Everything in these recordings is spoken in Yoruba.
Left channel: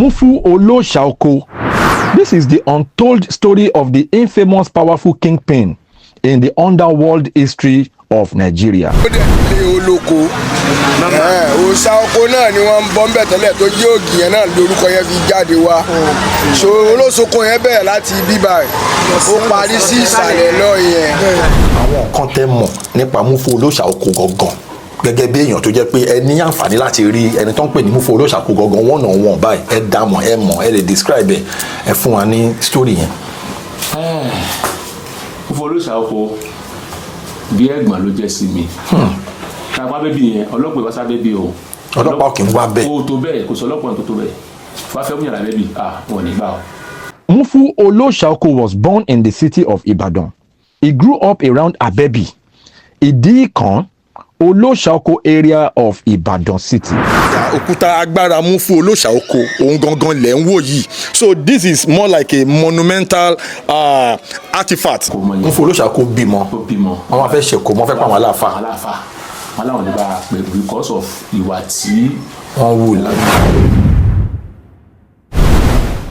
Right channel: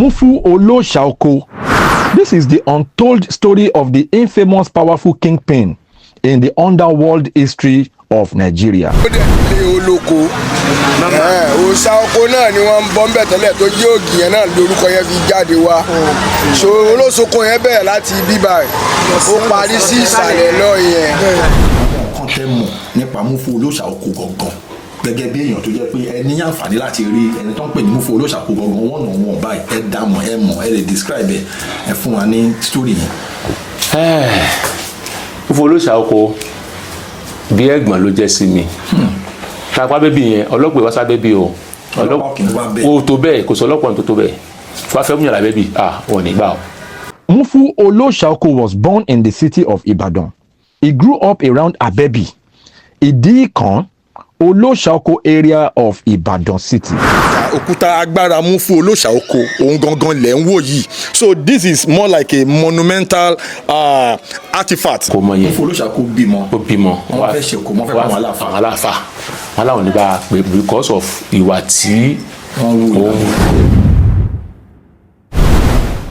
Mufu Oloshaoko. This is the untold story of the infamous powerful kingpin in the underworld history of Nigeria. Olóṣàoko náà ni wọ́n ń bọ́ ńbẹ̀ tẹ́lẹ̀ tó jẹ́ ògì yẹn náà lórúkọ yẹn fi jáde wá. So Olóṣàoko yẹn bẹ̀rẹ̀ láti bíbá ẹ̀ ó parí sí ìsàlẹ̀ lọ yẹn. Kàn tẹ́ mọ̀ nípa Mufu Olóṣàoko gangan gẹ́gẹ́ bí èèyàn tó jẹ́ pé ẹ ní àǹfààní láti rí ẹni tó ń pè ní Mufu Olóṣàoko gangan wọ́n náà wọ̀n báyìí ẹ dámọ̀ ẹ mọ̀ ẹ lè describe ẹ fún wa ní story yẹn. Mufu Olóṣàoko bí ẹ̀gbọ́n ló jẹ́ sí mi. Tàpá bébí yẹn ọlọ́pàá ìwásá bébí o. Ọlọ́pàá kì í wá bẹ́ẹ̀. O tó bẹ́ẹ̀ kò sọ ọlọ́pàá tó bẹ́ẹ̀. Wá fẹ́ múyàrá bébí wọn ò ní gbà o. Mufu Oloshaoko was born in the city of Ibadan. He grew up around Abebi, Idikan, Oloshaoko area of Ibadan city. Òkúta agbára Mufu Oloshaoko òun gangan lẹ̀ ń wò yìí. So this is more like a monumental artifact. Mufu Oloshaoko bímọ. Ó bímọ. Wọ́n wá fẹ́ ṣe kó wọ́n fẹ́ pa wọn aláàfáà. Aláàfáà. Wọ́n láwọn ní bá pé because of ìwà tí wọ́n wù.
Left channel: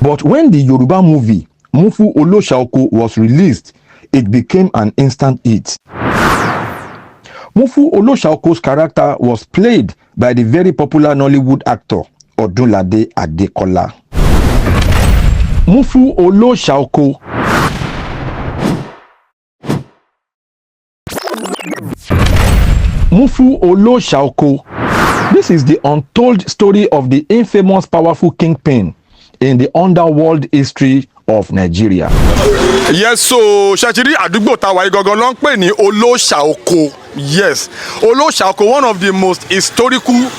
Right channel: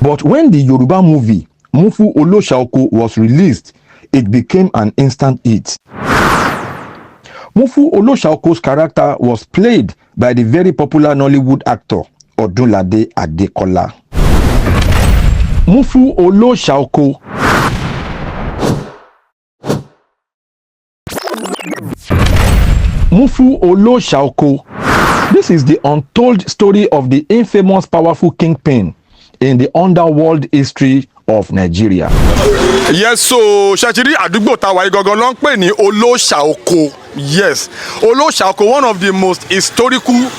But when the Yoruba movie Mufu Oloshaoko was released, it became an instant hit. Mufu Oloshaoko's character was played by the very popular Nollywood actor Odunlade Adekola. Mufu Oloshaoko. Mufu Oloshaoko. This is the untold story of the infamous powerful kingpin in the underworld history of Nigeria. Yes, so ṣàtìrí àdúgbò táwa yìí gangan ló ń pè ní Olóṣàoko. Yes, Olóṣàoko, one of the most historical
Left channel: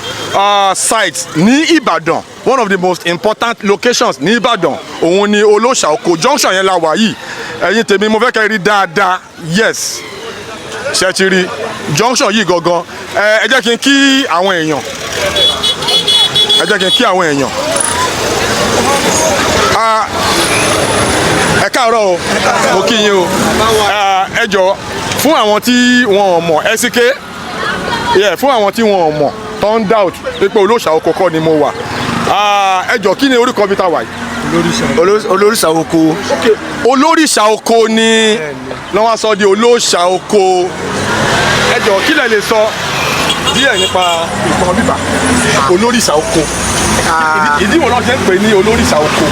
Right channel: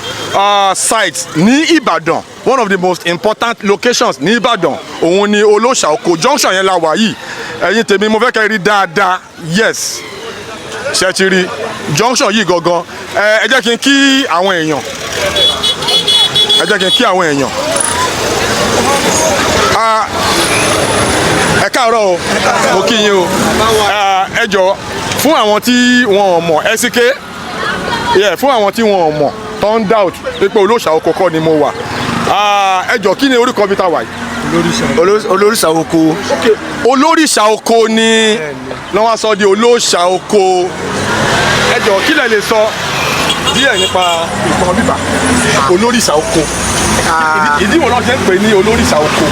sites ní Ìbàdàn, one of the most important locations ní Ìbàdàn. Òun ni Olóṣàoko junction yẹn la wà yìí. Ẹ̀yin tèmi mo fẹ́ kẹ́ rí dáadáa. Yes, ṣàtìrí junction yìí gangan. Ẹ jẹ́ kí n kí àwọn èèyàn. Ẹ jẹ́ kí n kí àwọn èèyàn. Ẹ káàárọ̀ o, mo kí yín o. Ẹ jọ̀ọ́ fún àwọn tí wọn ò mọ̀ ẹsíké fún àwọn tí wọn ò mọ̀ tó ń doubt pé Olóṣàoko kọ́ ni mo wà. Ẹ jọ̀ọ́ kí ni orúkọ bí ta wà yìí? Olóríṣàoko. Olóríṣàoko ni lọ́wọ́ sọ di Olóṣàoko. Ẹ jọ̀ọ́ kí lẹ lè sọ díẹ̀ nípa ìtàn bíbà Olóríṣàoko? Ìdí wo náà ṣe ń pè ní Olóríṣàoko?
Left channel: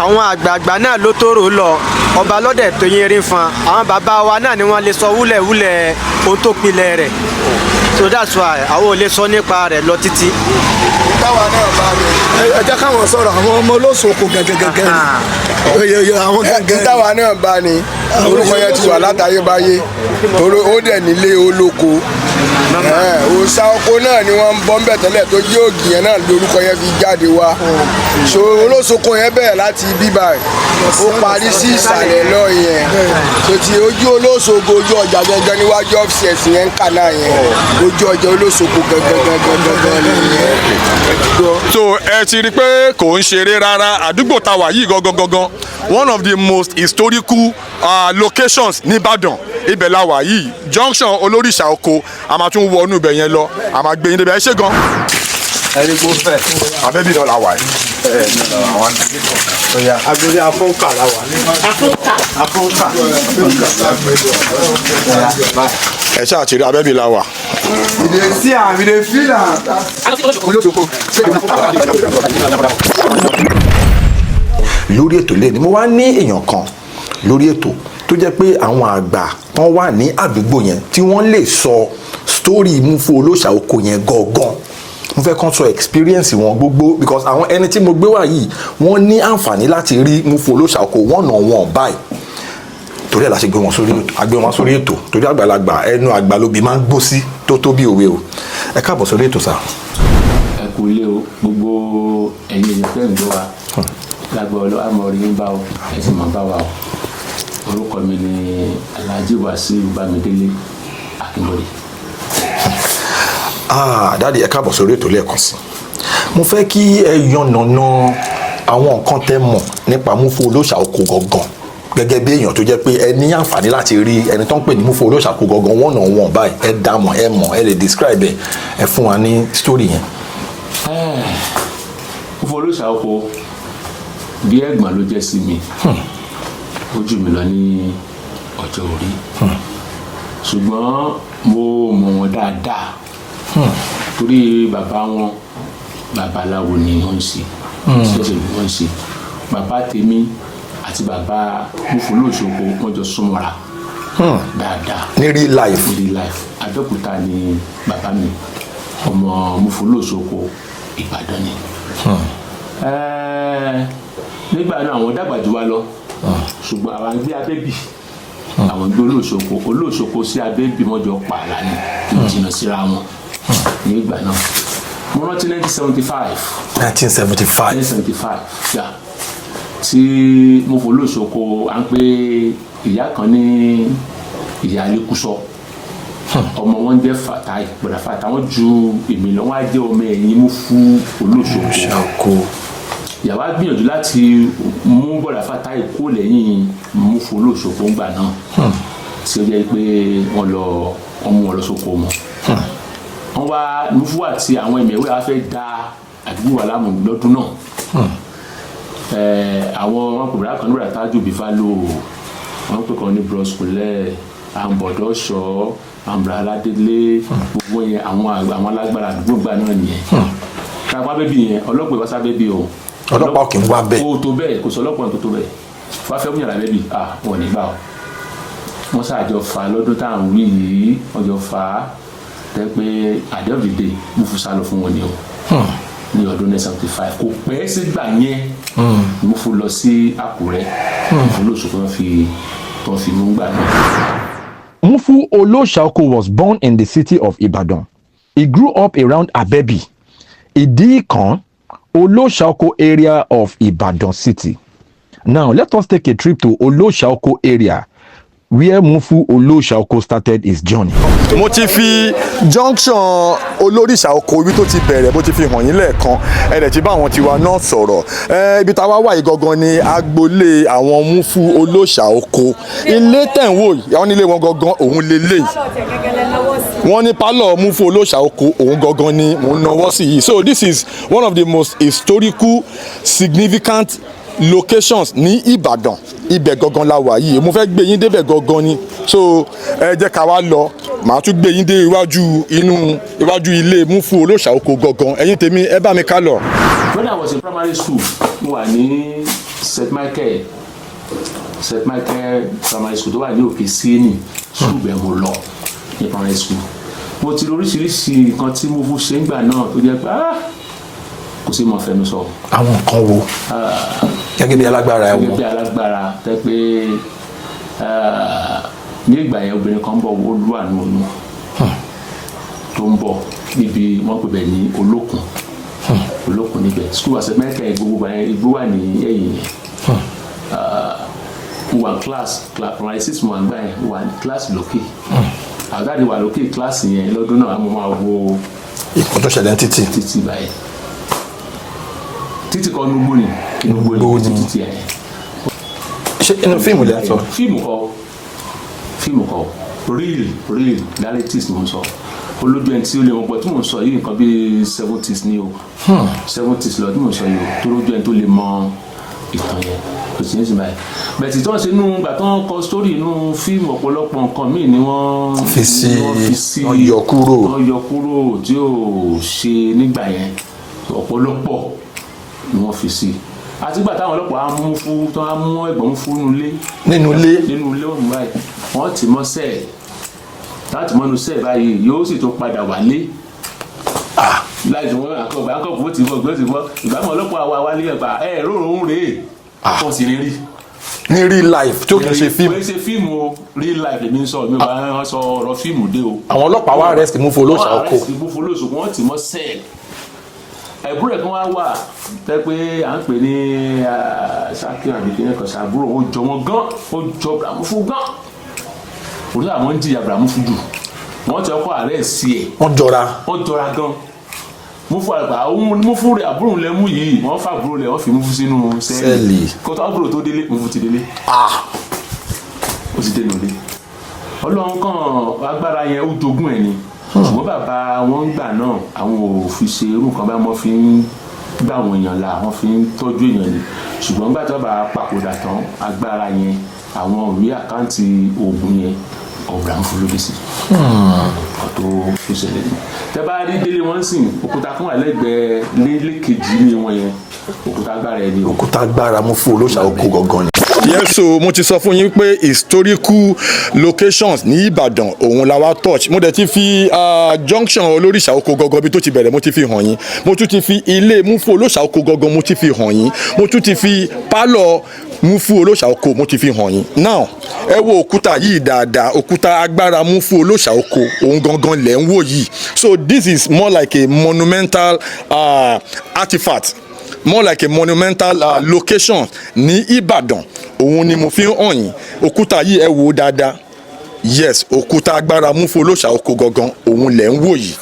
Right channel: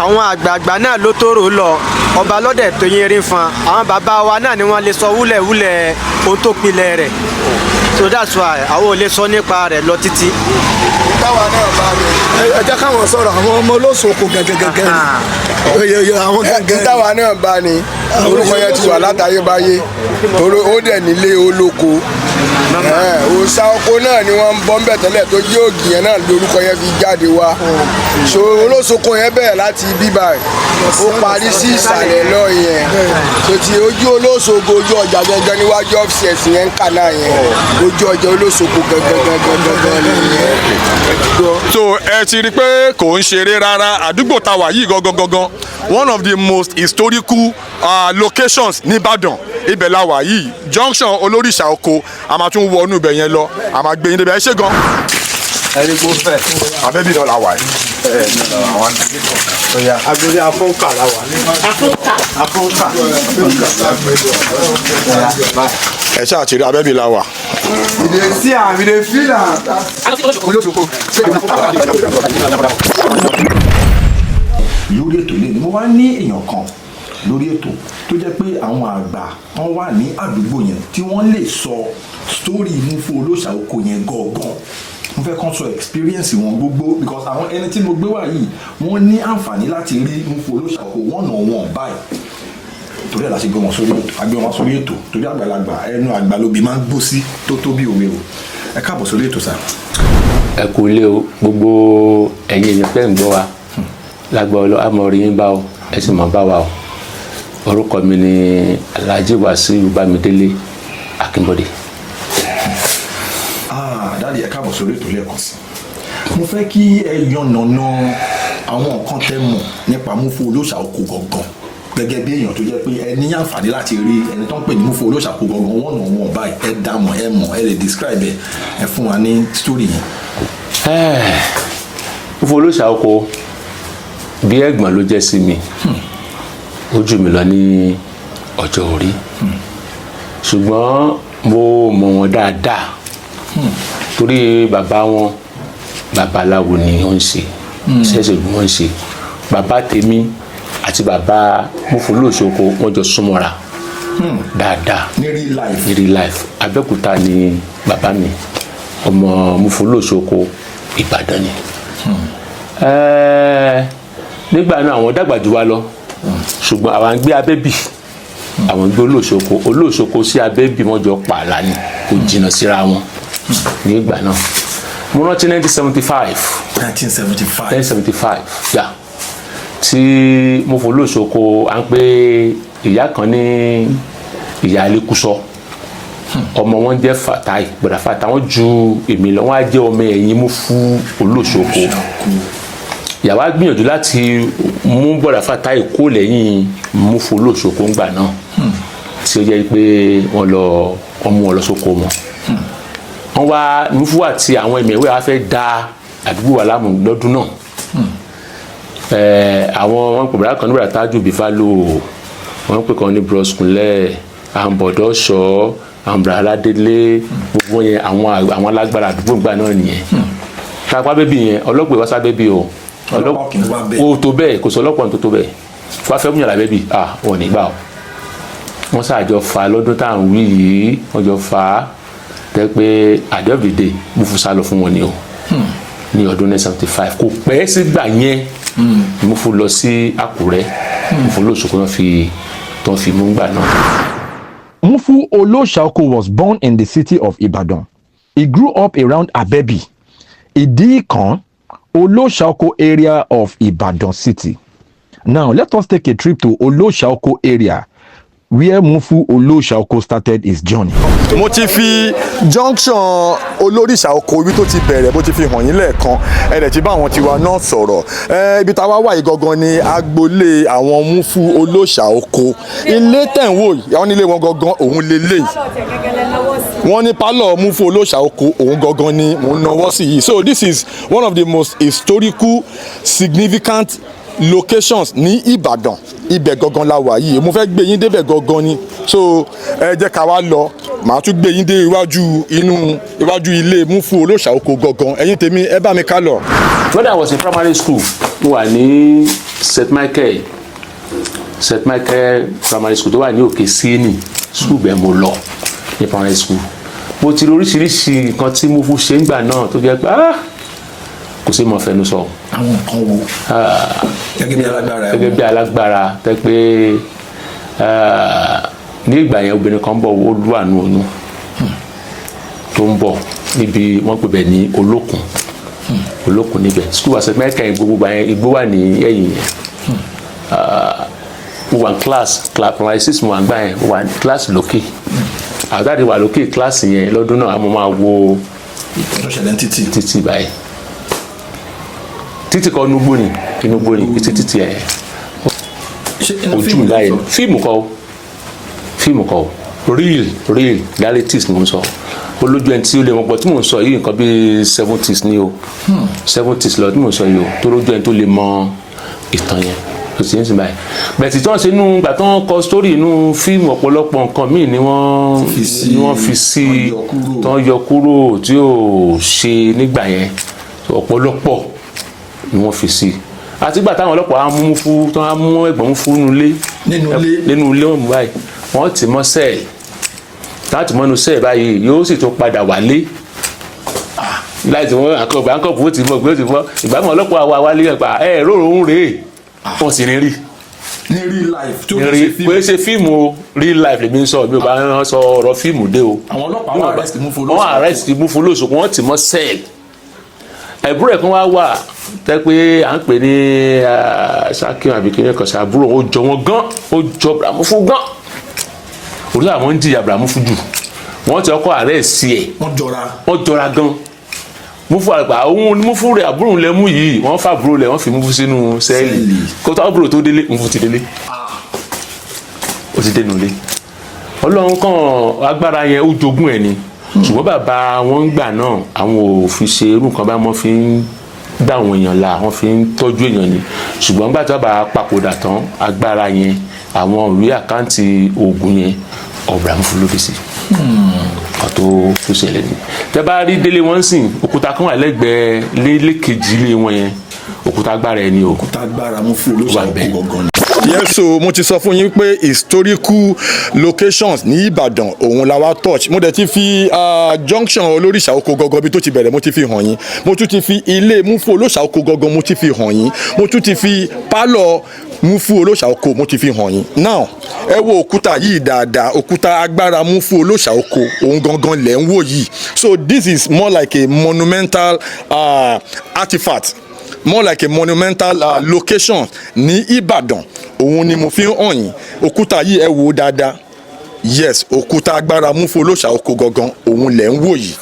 Àwọn àgbààgbà náà ló tóró lọ ọba lọ́dẹ̀ tó yín rí fan àwọn bàbá wa náà ni wọ́n lè sọ wúlẹ̀wúlẹ̀ ohun tó pilẹ̀ rẹ̀, so that's why àwọn ò lè sọ nípa rẹ̀ lọ títí. Táwa náà bá mi. Ẹ jẹ́ káwọn sọ̀rọ̀ àwọn ọmọ Olóṣàoko gẹ́gẹ́gẹ́ àwọn gẹ́gẹ́. Táwa náà bá ní orúkọ yẹn ti wà látayébáyé ó dẹ̀ nílé olóko. Olóṣàoko náà ni wọ́n ń bọ́ ńbẹ̀ tẹ́lẹ̀ tó jẹ́ ògì yẹn náà lórúkọ yẹn fi jáde wá. So Olóṣàoko yẹn bẹ̀rẹ̀ láti bíbá ẹ̀ ó parí sí ìsàlẹ̀ lọ yẹn. So ti ojú Olóṣàoko ojú ọjà gangan níwájú ọ́fíìsì yẹn ń kà náà yẹn ojú ọjà Olóṣàoko gangan nìyẹn. So ẹ ti rí i pé kò ń ṣeré rárá àdúgbò táwa yìí gangan one of the most historical locations ní Ìbàdàn ibẹ̀ la wà yìí junction Olóríṣàoko a máa tún wọnú ibẹ̀ yẹn lọ a máa gbé yín débẹ̀ ẹ ṣé gan. ẹni kò fẹ́ Abẹ́bí náà la wà yìí. Agbórí afọ́nkà la wà. Afọ́nkà. Ẹ ṣáà ti rí Abẹ́bí la wà. See am, we dey feel am. lórí ètò lẹ́nu mo wá ní èèyàn kan lórí ètò tó jẹ́ pé àwọn àgbà tán wà ní àdúgbò yẹn tí wọ́n lè sọ story Mufu Olóṣàoko yẹn gangan mo fẹ́ kàn sọ experience wọn gbogbo because àwọn ẹni tí mo gbé wá yìí wọ́n ní àǹfààní láti rí Mufu Olóṣàoko one-on-one báyìí torí ẹ̀ la ṣe gbé wọn sórí ètò torí àgbàlagbà ẹnu àgbà lóbi máa ń gbó sí tó tó bí òwe o ẹ káàbọ̀ sórí ètò sá. Ẹ kú ilé o gbogbo ẹ̀yin èèyàn fẹ́ ń gbọ́ wa lágbọ́ àmọ́ rí yín bá o ẹ sì mọ̀ bá wa o. Orúkọ mi ni Alhaji Wasiu Bámidélé Akínbọ́dé. Dáàdi ẹ káàbọ̀ sórí ètò lẹ́ẹ̀kan sí. Mo fẹ́ kí ẹ yànnàná àwọn nǹkan tẹ́ mọ̀ nípa Mufu Olóṣàoko gangan gẹ́gẹ́ bí èèyàn tó jẹ́ pé ẹ ní àǹfààní láti rí ẹni tó ń pè ní Mufu Olóṣàoko gangan one-on-one báyìí ẹ dámọ̀ ẹ mọ̀ ẹ lè describe ẹ fún wa ní story yẹn. Mufu Múfú Olóṣàoko bí ẹ̀gbọ́n ló jẹ́ sí mi ó jù mí lọ ní ọjọ́ orí ṣùgbọ́n mo mọ̀ wọ́n dáadáa torí bàbá wọn babaláwo ni wọ́n ń ṣe ṣẹ́ṣẹ́ ló wọ́n ń ṣe bàbá tèmi àti bàbá Múfú Olóṣàoko wọ́n jọ súnmọ́ra dáadáa ní real life. ní real life Abẹ́òkúta ni bàbá mi ọmọ Múfú Olóṣàoko Ìbàdàn ni nígbà náà àwọn dàgbà jù wá lọ ṣùgbọ́n àwọn gbé Abẹ́bí àwọn gbé Olóṣàoko sí Abẹ́bí wọ́n jọ pààlà ni kò jìnnà síra wọn nígbà náà mo rántí 1975 yà tí Múfú Olóṣàoko à ń pè ìyá kan ní ìyá Alékúsọ ọmọ wọn jẹ́ Fatai bọ̀dà Fatai wọn ju èmi lọ wọn á jẹ́ ọmọ ẹ̀yìn Múfú Olóṣàoko ìyàwó á gbìyànjú láti mú bọ̀dà Fatai kó lẹ́yìn Múfú Olóṣàoko ńgbà náà tí ó jẹ́ pé wọ́n mú wọn lọ sóko wọn wọ́n wá Múfú àti àwọn ẹ̀mẹ̀wé wa fẹ́ da àdúgbò wa láàmú lọ́dún náà àwọn wọn pè bọ̀dà kan ní bọ̀dà Tájù Bífálò wọn pè kan ní Bros Kúnlẹ̀ àǹbọ̀dọ̀ ṣọ́ àǹbọ̀dọ̀ Aládélé gbogbo yẹn àwọn alágbára àdúgbò gbà náà nìyẹn kápá bébì yẹn ọlọ́pàá ìwásá bébì o ọlọ́pàá kì í wá bẹ́ẹ̀ o tó bẹ́ẹ̀ kò sọ ọlọ́pàá tó bẹ́ẹ̀ fún afẹ́ múyànlá bébì wọn ò ní gbà o wọ́n ṣàjọ fa lọ́dún tá à ń wí yìí wọ́n jọ fa tẹ́ pé àdébìdè Múfú sá lọ fún wọn ni o ní ọdún 1975 kò pẹ́ sígbà yẹn Múfú lọ sí Àkúrẹ́ Múfú Olóṣàoko tó fi mú gbà náà. Múfú Olóṣàoko was born in the city of Ibadan. He grew up around Abebi, Idi-Ikan, Olóṣàoko area of Ibadan city. Now, let us take a trip to Olóṣàoko area, where Múfú Olóṣàoko started his journey. mo ti fi junction Olóṣàoko ibi tó ti bẹ̀rẹ̀ mo ti fi hàn yín lẹ́ẹ̀kan ẹ̀rẹ̀ tí bá àwọn tiwa náà sọ̀rọ̀ ibi táwa wà yìí gangan ni agboolé àwọn Múfú Olóṣàoko ilé tẹ̀wò yìí àwọn nílé wọn gangan òun lélẹ̀ wọ́n ní pálọ̀ Múfú Olóṣàoko òun gangan ni mò ń nawọ́ sí yìí so this is one of the most historical significant locations ní Ìbàdàn ibẹ̀ gangan la wà yìí mo fẹ́ gbé yín débẹ̀ gangan ni so ẹ jẹ́ ká wá lọ màá tún gbé yín dé iwájú ilé Múfú Olóṣàoko gangan ẹ̀yin tèmi ẹ bá mi ká lọ. When I was in primary school mo wà ní St. Michael primary school tó wà ní Òkè Síénì school bẹ́ẹ̀ mo lọ ní primary school mo ti rí oríṣiríṣi nǹkan tí Múfú ṣe ń gbà náà tó jẹ́ pé kò sí mọ̀ fẹnu sọ. àwọn nǹkan wo gẹ́gẹ́ bí alágbára tẹ́ pé ní ìgbà yẹn obìnrin kan bọ̀ ó lù àánú oyún tó ń bọ̀ níbi wọ́n pè bẹ̀ ní olókun níbẹ̀ school wa sẹ́mẹ́kà yẹn gbogbo yẹn igbó wà ní ẹ̀yìn yẹn mo wà ní class primary six mo wà nígbà yẹn mo wà ní class lókè àdáde wà lókè class yẹn lọ́dún náà mo máa wo ọdún ṣẹlẹ̀ títì báyìí títì kan inúgbó ni títì ẹ̀ ṣé inú fíìmù láyé fíìmù kọ́ real realities ni mo sọ olójú ẹni tí ó lè mọ̀ pọ̀ tí mo sọ yìí nǹkan bíi 70s ni o 70s lọ tí mo sọ yìí o tó lójú ẹni tó lè mọ ìtàn yẹn kò sí ní sinmi báyìí bẹ̀tì tí wọ́n ṣe inú gbà tó ń kọ sítórì inú fíìmù ọ̀pọ̀lọpọ̀ nǹkan míì ni wọ́n fi sí tó ń yọ kúrò tí ò ṣe nígbà yẹn ọ̀pọ̀lọpọ̀ ni wọ́n fi sí àtìgbà táwọn ọlọ́pàá á mú ẹ̀gbọ́n Múfú nínú ilé ọ̀hún báyìí wọ́n ti mọ́ sẹ́ẹ̀lì láti mọ́nu sẹ́ẹ̀ báyìí yóò sì tún padà wálé láti wọ́n àkọ́bù ó ti bọ́ gbé ó ti bọ́ ìgbàgbọ́n ọlọ́pàá wa wálé ẹ̀gbà róró ń rèé wọ́n sì rí ní real life tí ó kì í ṣe fíìmù. kò ṣe fíìmù real life lèmi ń sọ mi ò bá ń sọ ọ̀rọ̀ fíìmù dé o. àwọn ọlọ́pàá wá arrest Múfú Olóṣàoko. wọ́n arrest Múfú Olóṣàoko wọ́n ti mọ́ sẹ́ẹ̀lì ẹ̀bùrẹ̀ kan wá wà tẹ́ pé à ń pè ní Ṣakí àbíkínẹ́ kan ṣe àbúrò ó jọ wọn gan ó jọ Múfú gan orí àwọn ń jìyà Múfú jù wọ́n ti ọkọ̀ ààrẹ sí ẹ̀ wọ́n jọra gan Múfú àgbà òun Múfú rẹ̀ àbúrò lẹ mú yìí wọ́n fà àbúrò lẹ̀ wọ́n fi Múfú sínú sẹ́ẹ̀lì kó tó àbúrò tó délé Múfú ti délé ó ti dénú ilé Ọlọ́run kan agbára yẹn ó jogún ẹ̀ ni ṣùgbọ́n bàbá wọn gbà náà àwọn ò fi ṣe irú nǹkan bá wọn fi ń dá àwọn èèyàn la wọ́n fi ń tọ́jú èèyàn ni ṣùgbọ́n nígbà tí wọ́n bá papòdà tán agbára yẹn àwọn ìwé àkáǹtì oògùn yẹn ọ̀bùrà ń fún lórí sí ọ̀tọ̀ tó ṣẹlẹ̀ ni tẹ́ bá rí délé wọn sìn òkúta kan wà lẹ́gbẹ̀ẹ́ lélẹ́kejì ilé wọn yẹn òkúta agbára ẹni òkúta agbára Mufu Olóṣàoko gangan ni. yes so mo ti sọ fún yín pé historical locations ní Ìbàdàn òun la wá touch mo dẹ̀ ti fi junction Olóríṣàoko gangan bí tó ti bẹ̀rẹ̀ mo ti fi hàn yín mo tún ti fi ilé Mufu Olóṣàoko gangan mo ti fi hàn yín mo tún ti fi pálọ̀ Mufu Olóṣàoko mo ti fi hàn yín now ẹ wo òkúta yìí dáadáa òkúta agbára Mufu Olóṣàoko òun gangan lẹ̀ ń wò yìí so this is more like a monumental artifact more like a monumental location ní Ìbàdàn òun ni mo fi ń hàn yín òkúta yìí ẹ wò dáadáa yes òkúta agbára Mufu Olóṣàoko gangan òun lẹ̀ ń wò yìí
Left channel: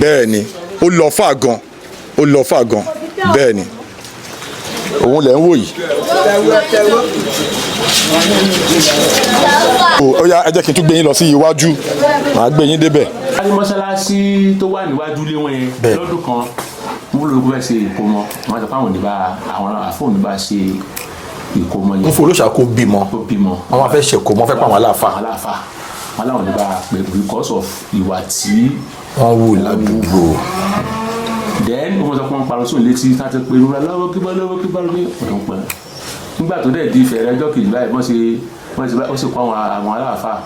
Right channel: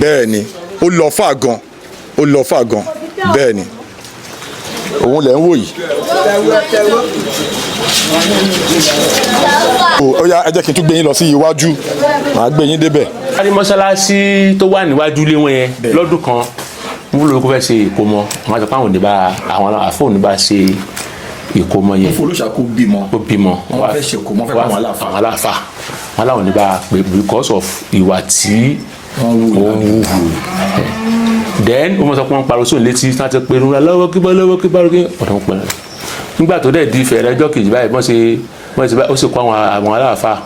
bẹ́ẹ̀ ni ó lọ fà gan bẹ́ẹ̀ ni òun lẹ̀ ń wò yìí. ó yá ẹ jẹ́ kí n tún gbé yín lọ sí iwájú màá gbé yín débẹ̀. a ní mọ́ṣáláṣí tó wà níwájú ilé wọn yẹn lọ́dún kan mo lóko fẹ́ ṣe ìkómọ wọn sọ pé àwọn àfọ̀nù bá ṣe ìkómọ yẹn. Mufu Olóṣàoko bímọ wọn fẹ́ ṣe ìkómọ fẹ́ pa àwọn aláàfáà wọn láwọn ní bá pé because of ìwà tí wọ́n wù lábúrò then wọ́n sọ pé wọ́n parọ́ sóun létí láti pé irun lọ́wọ́ kí ọ̀dọ́ pẹ̀ nígbà tó dẹ̀ di ìfẹ́ ẹjọ́ kejì báyìí wọ́n ṣe ó sì kó àwọn aláàfáà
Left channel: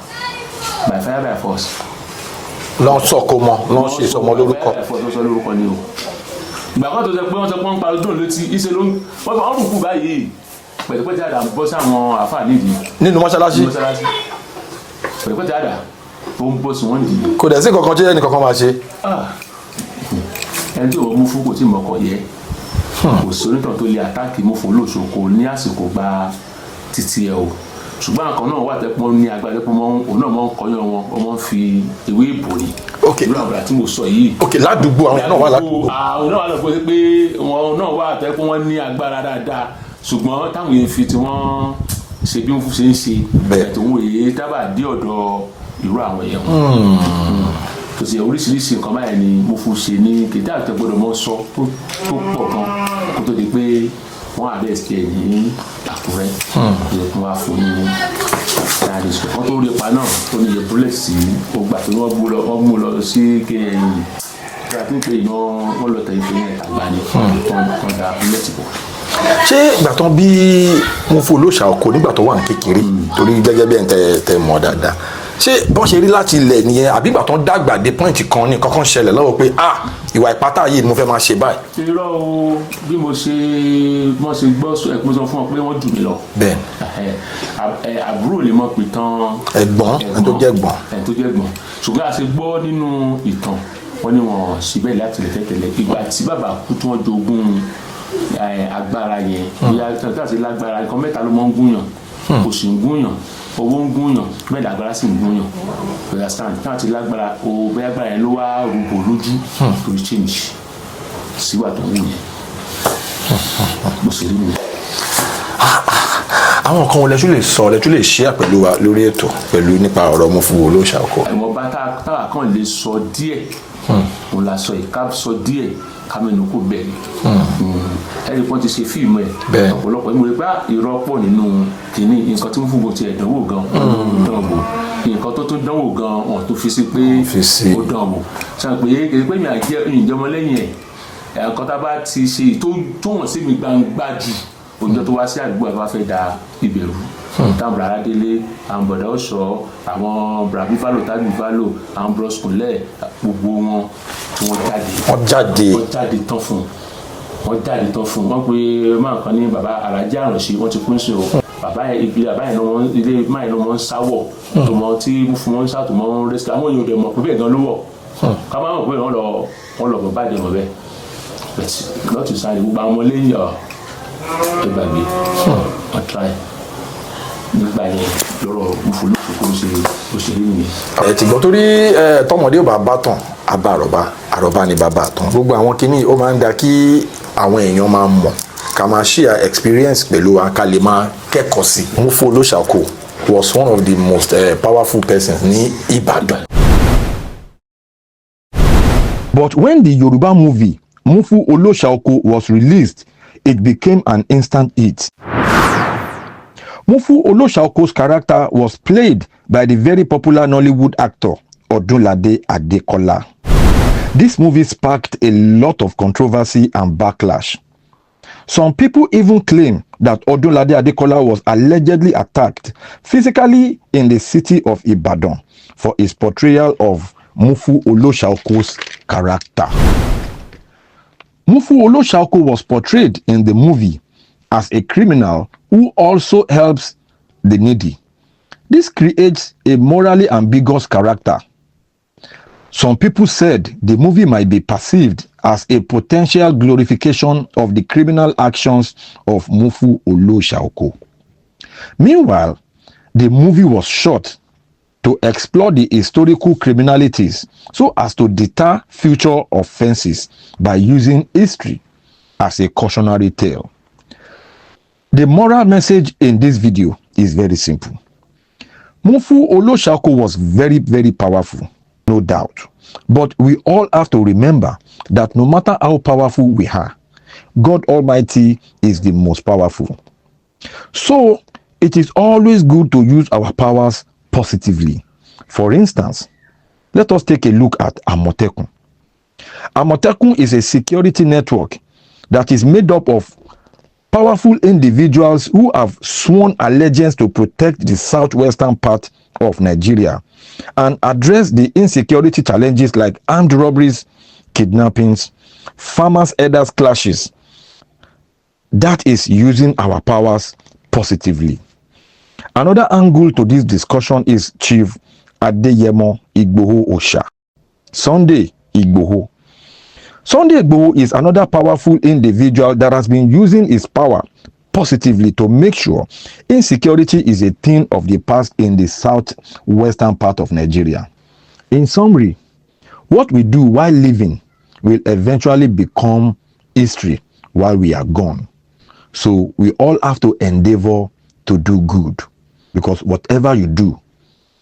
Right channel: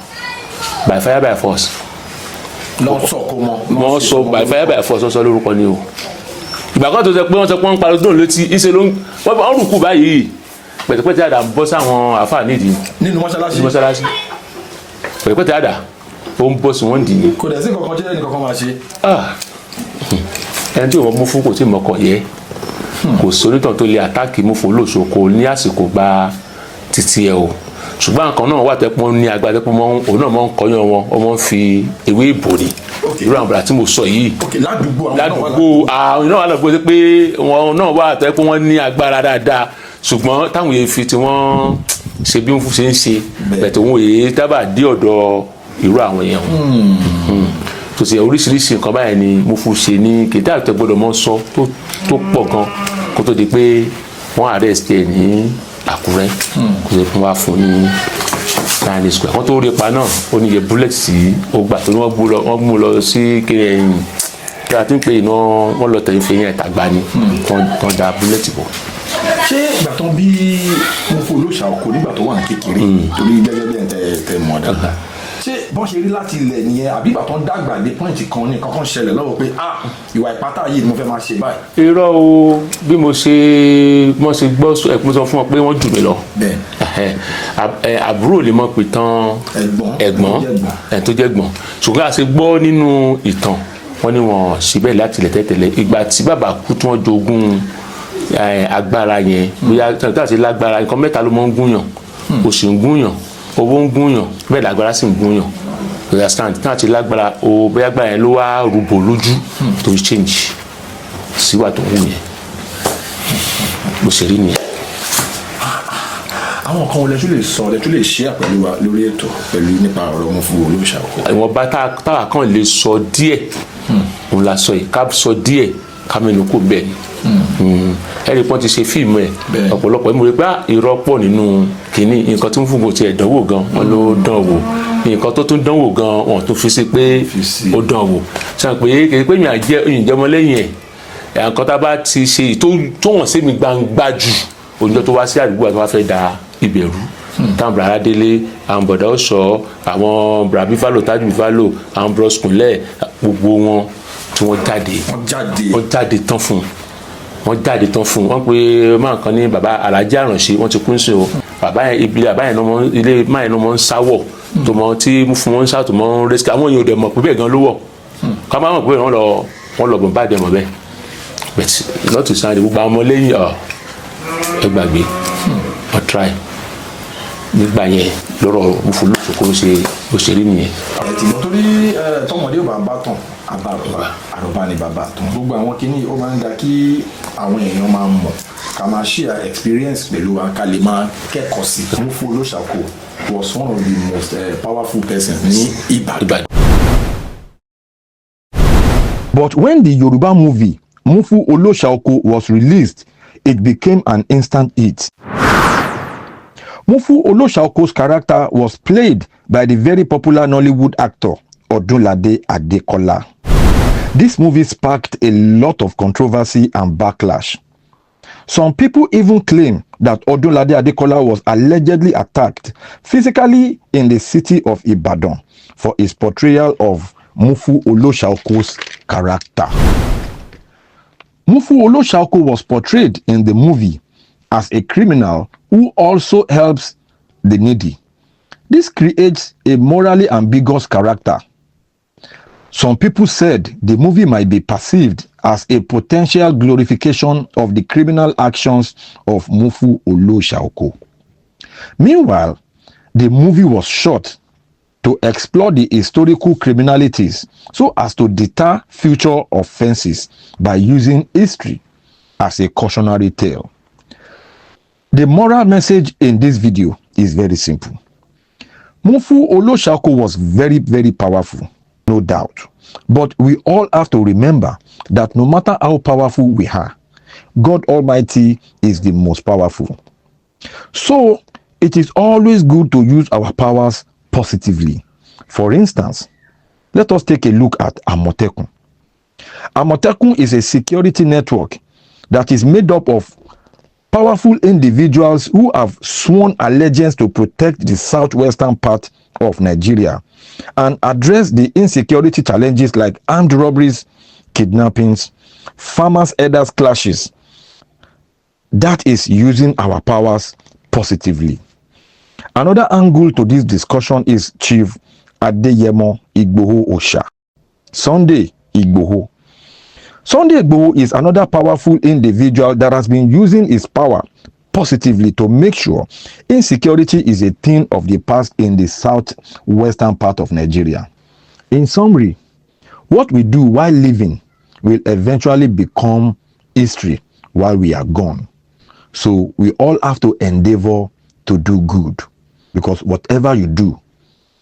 by fire by force. wọ́n sọ by fire by force wọ́n sọ lórúkọ ni o ìgbà kan tó sọ pé wọ́n sọ pé wọ́n parọ́ sóun létí ìṣe ló ń wọ́n rùkú báyìí pẹ̀tẹ̀pẹ̀tẹ̀ àdá ń bọ́ sáwọn àfáà nídìí nínú mọ́ṣáláṣí pẹ̀tẹ̀pẹ̀tẹ̀ àdá ó ń bọ́ sí wọ́n dì ní. kò dẹ̀ sí kankan tí ẹnì kankan máa ṣe. ẹni tí òun Mufu kò tí ì mọ̀kàn yẹ kò sónítàn tó lè àtáàkì Mufu Olóṣàoko ní àsìkò gba títí ẹ o ṣùgbọ́n nǹkan náà wà tẹ́pọ́n ní agbára tẹ́pọ́n òun náà máa ń kọyán wọn ọmọ ń fi ewé ìbò ni irú àwọn àbúrò tí mo sọ yìí ládùúgbò àwọn náà wà lọ́pọ̀ pé wọn náà wà tẹ́pọ́n wọn ní agbára dáadáa ṣùgbọ́n táwọn èèyàn fi tí wọ́n ṣe bí Mufu ṣe ń ṣe bẹ̀tẹ̀ òun èyí tábà dé ọ̀dọ̀ irú àwọn èèyàn tó ṣe oríṣiríṣi nǹkan báyìí ni Mufu ṣe ní kìtà àti gbọ́dọ̀ mọ́ sọ tó pọ̀ gan kó tó di pé wọ́n arrest ẹ̀ ní Àkúrẹ́ kó tó wá fún ní Daniel Square wọ́n tó rí pa náà ó níye bullet sí ó gbà tó ní wọ́n mú lọ sí kiri ẹ̀yìn kí a ti ń pè iná wọ́n lọ tẹ̀yìn fẹ́yìn ẹ̀tàgbá ni tó da bullet bọ̀. ṣé ìgbà tó ń bí Mufu Olóṣàoko nígbà tó wà ní kékeré torí gẹ́gẹ́ bí ẹ̀ ń tẹ mọ̀ dáadáa ṣé bọ́n ṣe rí láti ilẹ̀ nìyẹn àbí ìgbà tó ń dàgbà dé pọ́ìntì kan ní kankan ṣẹlẹ̀ lọ́wọ́ pé ìwà ìpátá yìí ni mo fẹ́ máa ṣe báyìí. irọ́ o bí mo ṣe gbọ́ ẹ̀kún sọ fún ọ pé wọ́n jù mí lọ. àbúrò lè mọ̀ pé tán ẹ̀gbọ́n tó jẹ́ gbọ́n ṣùgbọ́n a ṣe gbọ́ nínú ìtàn wọn ni wọ́n ṣe bẹ́ẹ̀ láti ilẹ̀ tẹ́tẹ̀lẹ̀ ìgbà tí bàbá kú tí wọ́n jogún agbára yẹn bóyá tí a ṣe lágbára nǹkan mẹ́ta ló mọ́ ń gúnyàn kò sì ń gúnyàn owó ń gúnyàn bẹ́ẹ̀ lágbára sì ń gúnyàn bóyá stand náà ti lágbára o bóyá agbára yẹn ló wá rúbò lójú tó change síwà tó ń wù yẹn bó ṣe rí nìyẹn. àwọn kan wọlé tún lè ṣe àpẹ̀lú wa lórí ètò pẹ̀lú nípa ọ̀rọ̀ Mufu Olóṣàoko. ìwọ̀nba táwa kan lè sọ díẹ̀ òun la sọ yìí ká sọ díẹ̀ ká mẹ́nu kò bẹ́ẹ̀ ẹ̀rí pọ́n ti ṣe fíìmù ẹ̀ ọ̀pọ̀lọpọ̀ ìmúre bá irọ́ pọ̀ nínú kínní nǹkan tí Mufu ti ẹ̀ dánwò gan wọn ló dán wò nǹkan tó tún dánwò gan wọn tó fi sí pé ó dán wò sọ pé kì í pé mi àjẹ ìjọmọ lẹ́yìn ẹ̀ nǹkan tá a bá ti ṣe tó wọ̀n sí mi gbangba jù oúnjẹ tó wá sí àdúgbò àti wá fẹ́ da ìbẹ̀rù táwọn bùrọ̀dá délé àwọn bọ̀dá ọ̀ṣọ́ àwọn bùrọ̀dá bífálò tájú bífálò àwọn bùrọ̀sùkúnlẹ̀ gbogbo wọn tí wọ́n jáde tán fún wọn jáde tán fún wọn pé máa kan ní bàbá Alhaji Aránṣẹ́ wọn ti kún sí o bàbá yẹn ibi bàbá yẹn ilé máa yẹn ló ń sáwọ̀ tó mọ tí fún wọn ń sá tó mọ ń rẹ́síkì àwọn èèyàn ò dẹ̀ mọ̀ pé bẹ́ẹ̀ gan ló wọ̀ ká má mọ̀ pé wọ́n lọ bọ̀ bá dẹ̀ mọ̀ bẹ́ẹ̀ bẹ́ẹ̀ lọ́tù sáré gbogbo àwọn ọmọlẹ́yìn ẹ gbàgbé wọ́n try nígbà yẹn lọ́rọ̀ Mufu Olóṣàoko ló ṣe rí nìyẹn. ẹ ti gbọ́ torí tọmọdé ò bá bá tàn àbá àròbá ni bàbá tán gbogbo àwọn kinní ó máa ń da kí àwọn èèyàn máa mọ̀ ká máa share experience pẹ̀lú wa ká lè máa kẹ́kọ̀ọ́ sí. Mufu Olóṣàoko was one of the most powerful persons ní Ìbàdàn. But when the Yoruba movie Mufu Oloshaoko was released, it became an instant hit. Mufu Oloshaoko's character was played by the very popular Nollywood actor Odunlade Adekola. This movie sparked a lot of controversy and backlash. Some people even claim that Odunlade Adekola was allegedly attacked physically in the city of Ibadan for his portrayal of Mufu Oloshaoko's character. Mufu Oloshaoko was portrayed in the movie as a criminal who also helps the needy. This creates a morally ambiguous character. Some people said the movie might be perceived as a potential glorification of the criminal actions of Mufu Oloshaoko. Meanwhile, the movie was shot to explore the historical criminalities so as to deter future offenses by using history as a cautionary tale. The moral message in this video is very simple. Mufu Oloshaoko was very, very powerful, no doubt. But we all have to remember that no matter how powerful we are, God Almighty is the most powerful. So, it is always good to use our powers positively. For instance, let us take a look at Amotekun. Amotekun is a security network that is made up of powerful individuals who have sworn allegiance to protect the southwestern part of Nigeria and address the insecurity challenges like armed robberies, kidnappings, farmers' herders clashes. That is using our powers positively. Another angle to this discussion is Chief Adeyemo Igboho Osha. Sunday Igboho. Sunday Igboho is another powerful individual that has been using his power positively to make sure insecurity is a thing of the past in the southwestern part of Nigeria. In summary, what we do while living will eventually become history while we are gone. So we all have to endeavor to do good, because whatever you do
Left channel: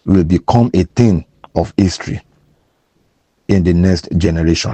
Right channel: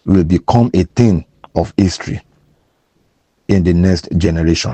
will become a thing of history in the next generation.